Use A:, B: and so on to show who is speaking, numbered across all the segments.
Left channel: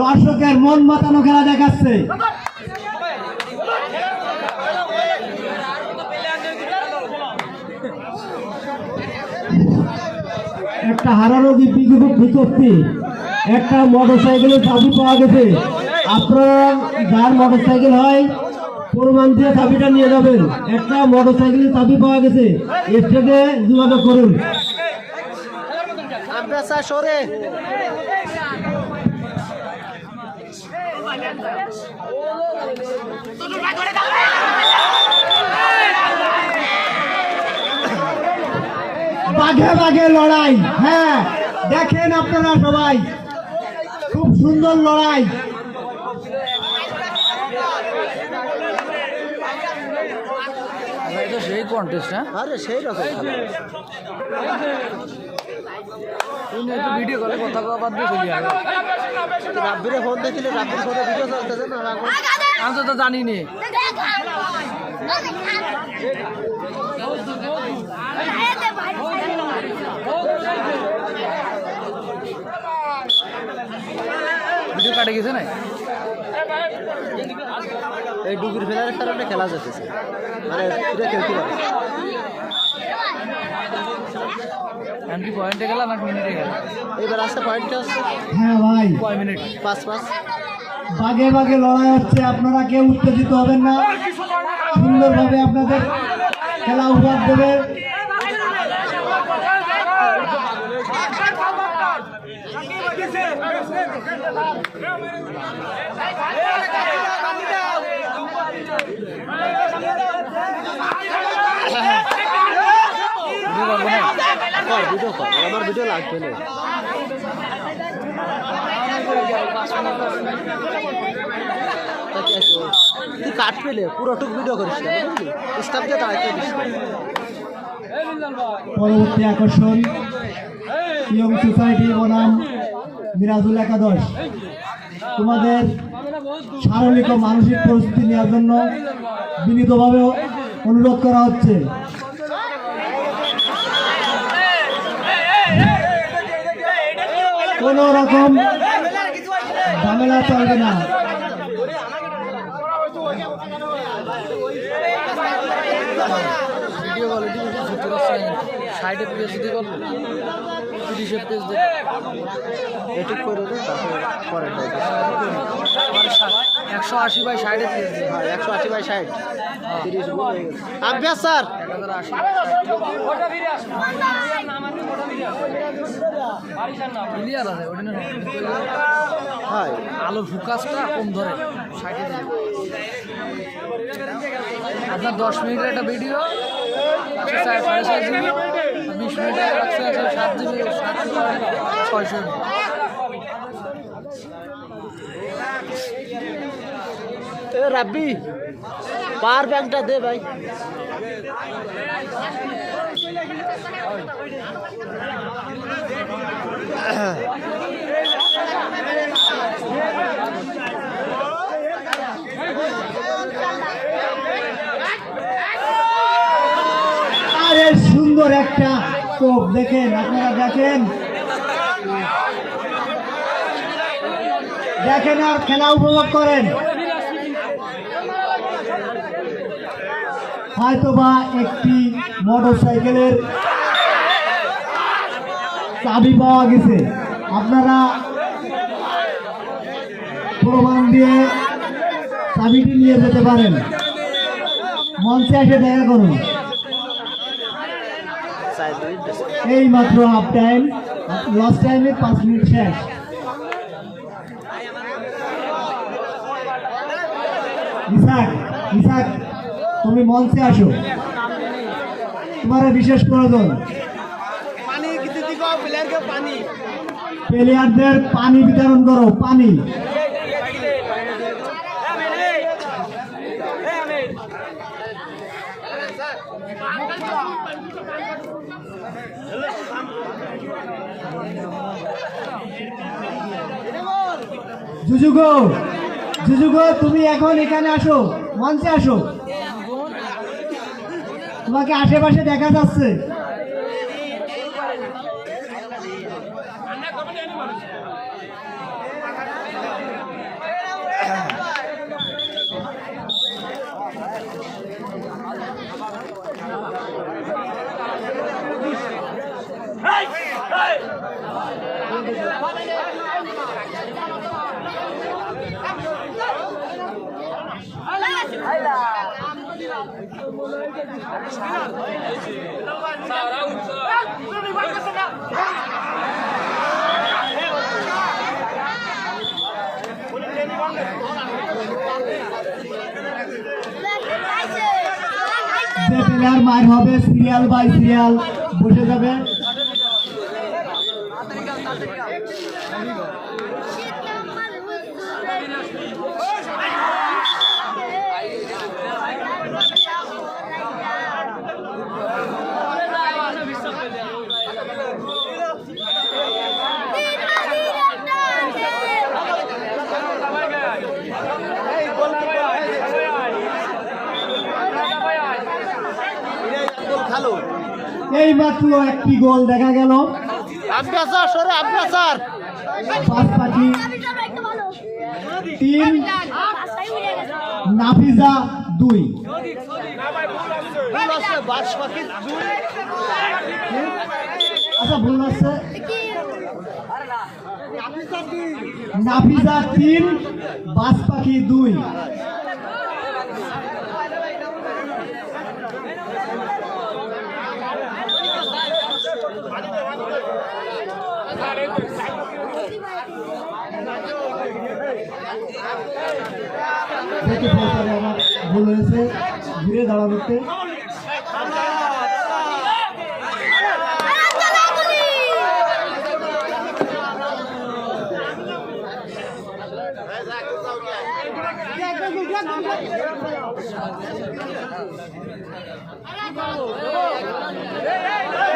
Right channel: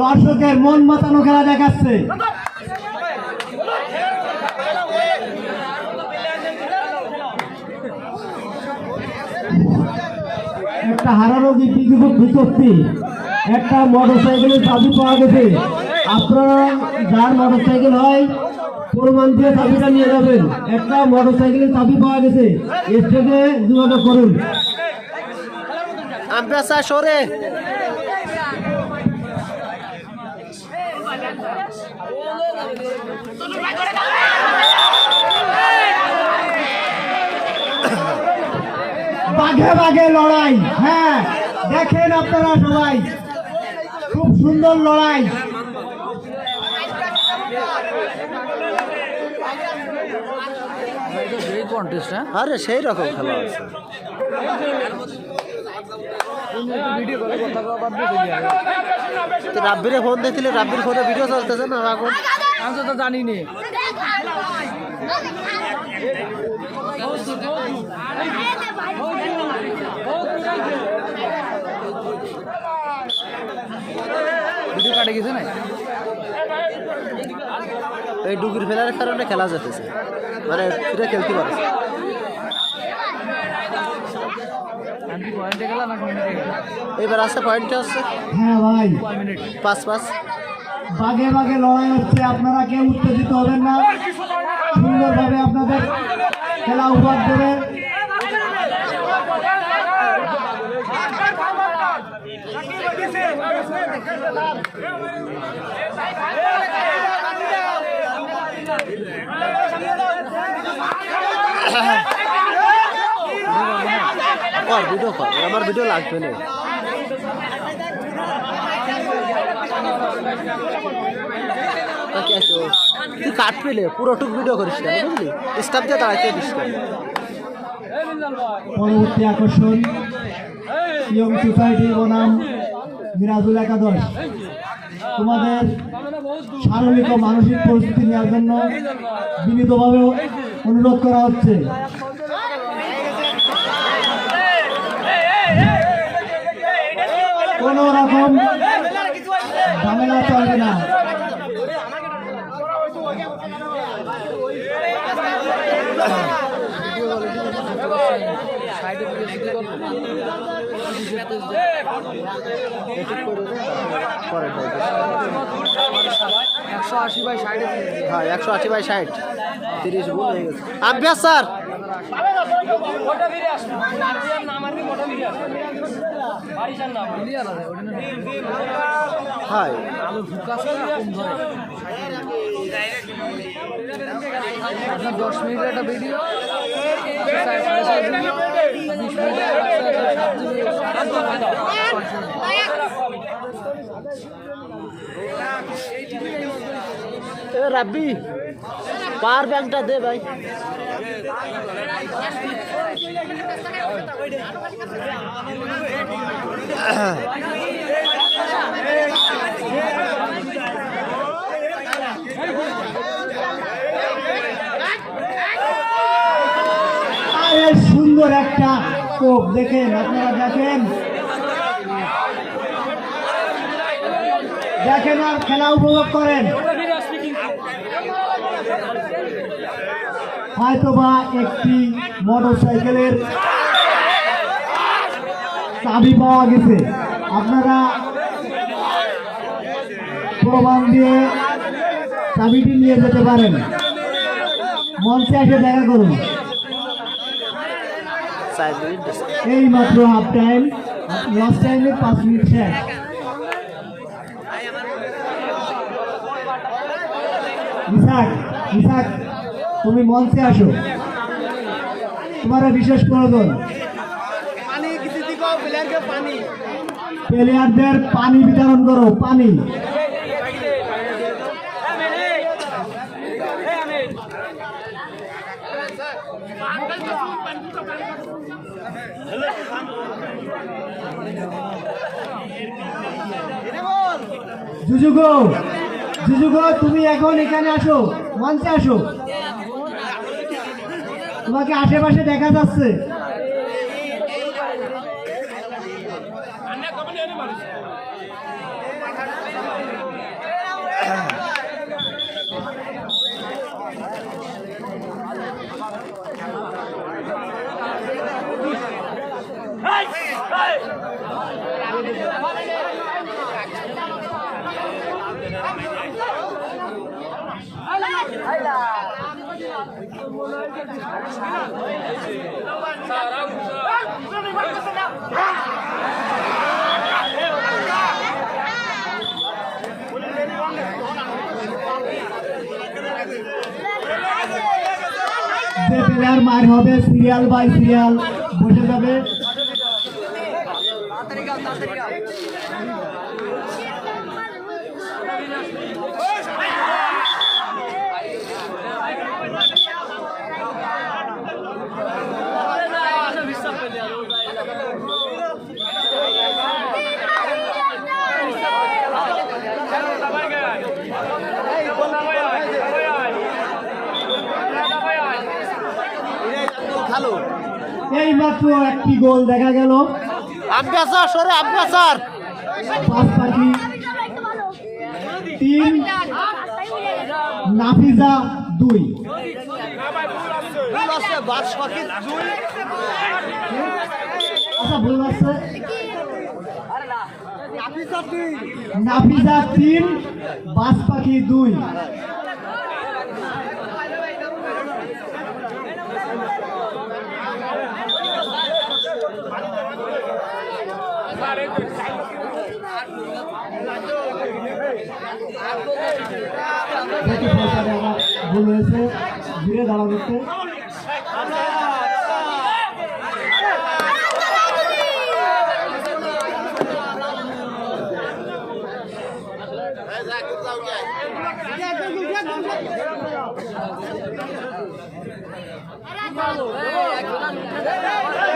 A: দর্শকের মন মাতানো খেলা দেখাচ্ছে। একটা হারারোগী বিজ্ঞপ্তি একটা মোটর সাইকেলের চাবি পাওয়া গেছে। আপনারা যার মোটর সাইকেল হয়, প্রমাণ দিয়ে চাবিটা নিয়ে যাবেন। একটা মোটর সাইকেলের চাবি পাওয়া গেছে। এর থেকে যোগাযোগ করুন।
B: সরে
A: বাঘে বাঘে লড়াই হ্যাঁ দেখেন আপনারা সবাই। খুব সুন্দর লড়াই।
C: সেই কন্টেস্ট হ্যাঁ?
B: আরে সেই রকম খেলা।
C: ভিডিও করে কথা কওয়া বাদ দিয়ে চলে যাবে
B: রাব্বিরে ফোন দেখলে রাব্বির ফোনে ভিডিও চলতেছে না এখন?
C: আমি তো তো জানি নি ভিডিও কাটে গেছে না?
B: এই ডুগুর ফেলার কারণে খেলা যেতেছে। মানে ফিরে খেলতে পারে
C: আমি কি পয়েন্টে গেলাম এক মিনিটে গেলাম
B: এবার আসছে পয়েন্টটা হচ্ছে?
A: হ্যাঁ ভাই।
C: কয় মিনিট
B: পাঁচ পাঁচ
A: বাঘে বাঘে লড়াই হচ্ছে আপনারা কেউ উত্তেজিত হবেন না। সুন্দরভাবে আপনাদের খেলা উপহার দেবে।
B: কর ভিডিও কর আমার ভিডিও লাগবে না? তুই কাট পেলে পুরোটুক ভিডিও করিস না বুঝলি স্টাফ দিয়ে দাঁড়াইতে দিস
A: পরবর্তী আকর্ষণ ইয়ং সোসাইটি বনাম মিরাজুল একাদশ তোমাদের শারীরিক ও মানসিক পরিস্থিতি নেওয়ার জন্য বিনীতভাবে অনুরোধ করা হচ্ছে কোন রকম ঝামেলা চলবে না।
C: একশো আশি বাই
B: হ্যাঁ একশো আশি বাই ষাট তিরিশ হয়ে আব্বাস স্যার হয়
C: আলো কম ধরে আপনার দশ মিনিটের একটা ভিডিও বিশ মিনিটের ছয়শো
B: রাব্বি পাওয়ার ব্যাংকটা দে ভাই।
A: আরে সুন্দর একটা কোপ দেখেন, আপনারা দেখেন? দেখেন আর খেলা উপভোগ করেন। হয়তোবা একটি মোটর সাইকেলের চাবি পাওয়া গেছে। আপনারা প্রমাণ দিয়ে চাবিটি নিয়ে যেতে পারেন। মঞ্চে এসে দেখা করুন। এই মাত্র হাফ টাইম লাস্ট টাইমে পাঁচ মিনিট শেষ। ইসাক ইসাক, তুমি মঞ্চে আসো। তোমার বিশেষ প্রয়োজন
B: পানি কিছু দিকে প্লেয়ারকে পানি
A: প্লেয়ারদের পানি বিতরণ করো, পানি। জুজুগো জুজুগো তুমি এখন এখানে আসো, মঞ্চে আসো। তোমাকে আশেপাশে দেখা যাচ্ছে। Sarang, sarang. যে প্লেয়ার হবে সিরিয়াল বাই সিরিয়াল বসে যাবে
B: খালো
A: এই মাত্র একটি গোল দেখা গেল। তিন নাফিজা দুই। আচ্ছা ভুল আছে। নাফিজা তিন বাস পাখি দুই। আমার ভুল হয়েছে। ঘিরে দাঁড়াতে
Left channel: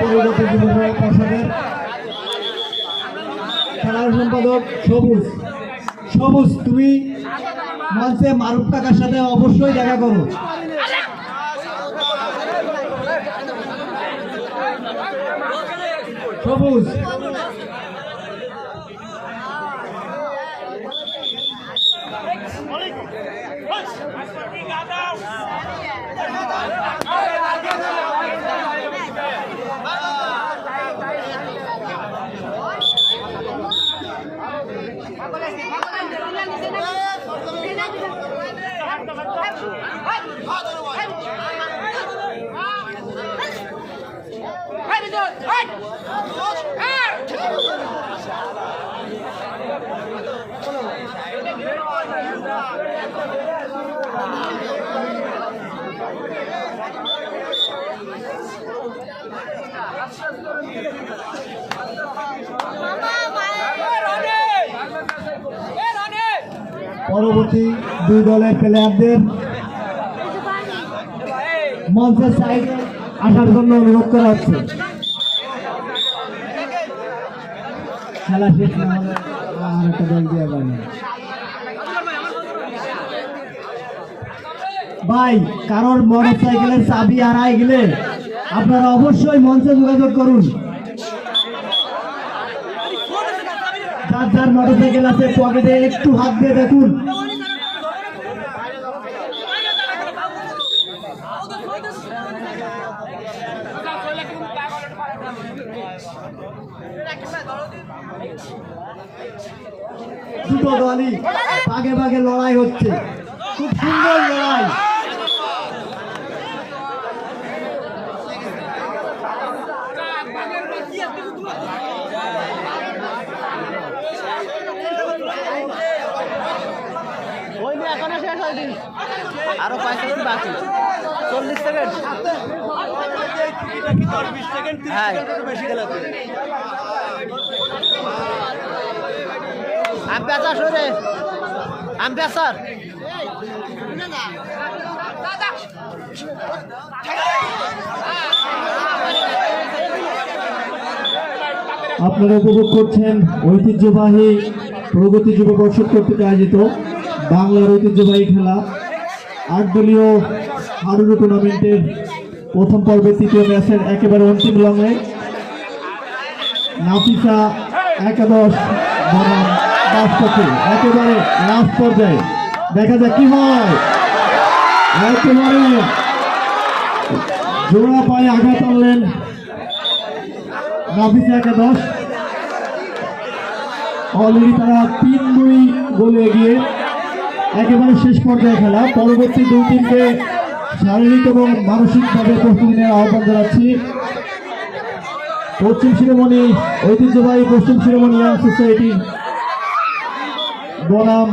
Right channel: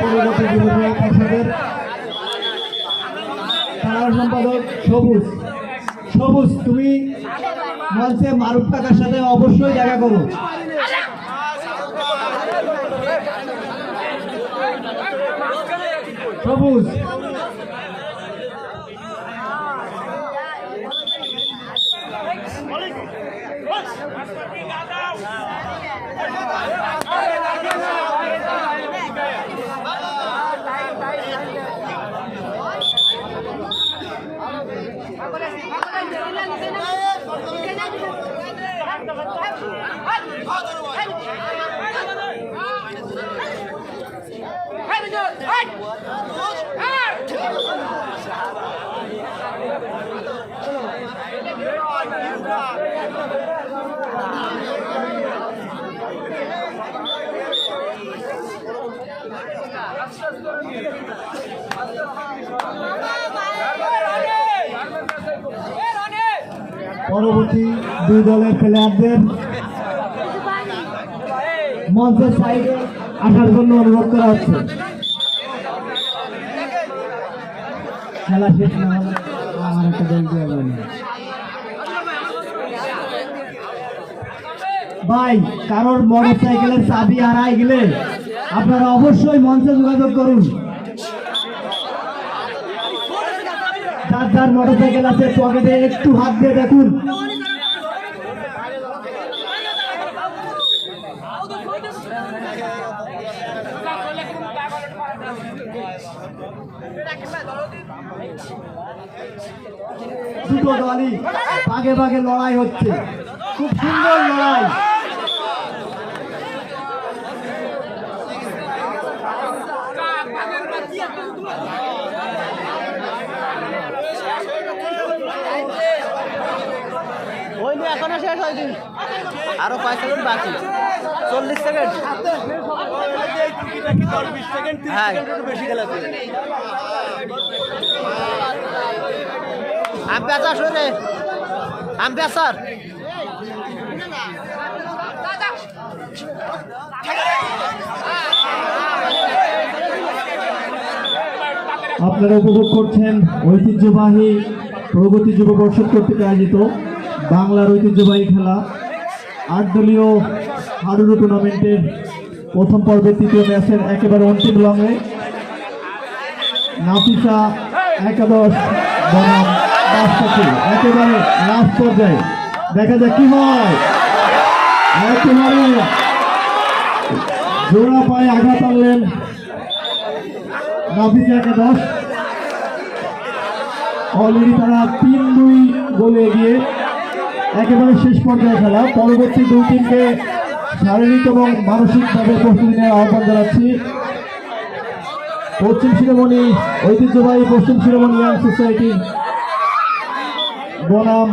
A: পরিণতি জীবনে পাশেদের খেলার সম্পাদক সবুজ। সবুজ, তুমি মঞ্চে মারুফ টাকার সাথে অবশ্যই দেখা করো। সবুজ। আস্তে আস্তে পরবর্তী দুই দলের প্লেয়ারদের মঞ্চের সাইডে আসার জন্য অনুরোধ করা হচ্ছে। খেলা শেষ আর একটা দল ভাই, কারোর মোটর সাইকেলের চাবি হারাই গেলে আপনারা অবশ্যই মঞ্চে যোগাযোগ করুন। যার মোটর সাইকেল আছে পকেটে একটু হাত দিয়ে দেখুন। দুটো দলই ভাগে ভাগে লড়াই হচ্ছে। খুব সুন্দর লড়াই
B: হয়নি এখনও শেষ হয়নি আরও পাঁচ সেকেন্ড বাকি। চল্লিশ সেকেন্ড হ্যাঁ। সরে আম্পায়ার স্যার
A: আপনারা উপভোগ করছেন ঐতিহ্যবাহী প্রগতি যুব পরিষদ কর্তৃক আয়োজিত বাংলার ঐতিহ্যবাহী খেলা। আট দলীয় হাডুডু টুর্নামেন্টের প্রথম পর্বের তৃতীয় ম্যাচের একেবারে অন্তিম লঙে নাফিসা একাদশ একেবারে লাস্ট পর্যায়ে। দেখা যাক কি হয়। জোড়া পায়ে আঘাত আনলেন নাফিসা একাদশ।
D: অলরেডি তারা তিন দুই গোলে এগিয়ে একেবারে শেষ পর্যায়ে খেলা। পরবর্তী দুই টিমকে শারীরিক এবং মানসিকভাবে প্রস্তুতি নেওয়ার আহ্বান জানাচ্ছি। পশ্চিম শিরোমণি, ঐতিহ্যবাহী পশ্চিম শিরোমণি সোসাইটি বনাম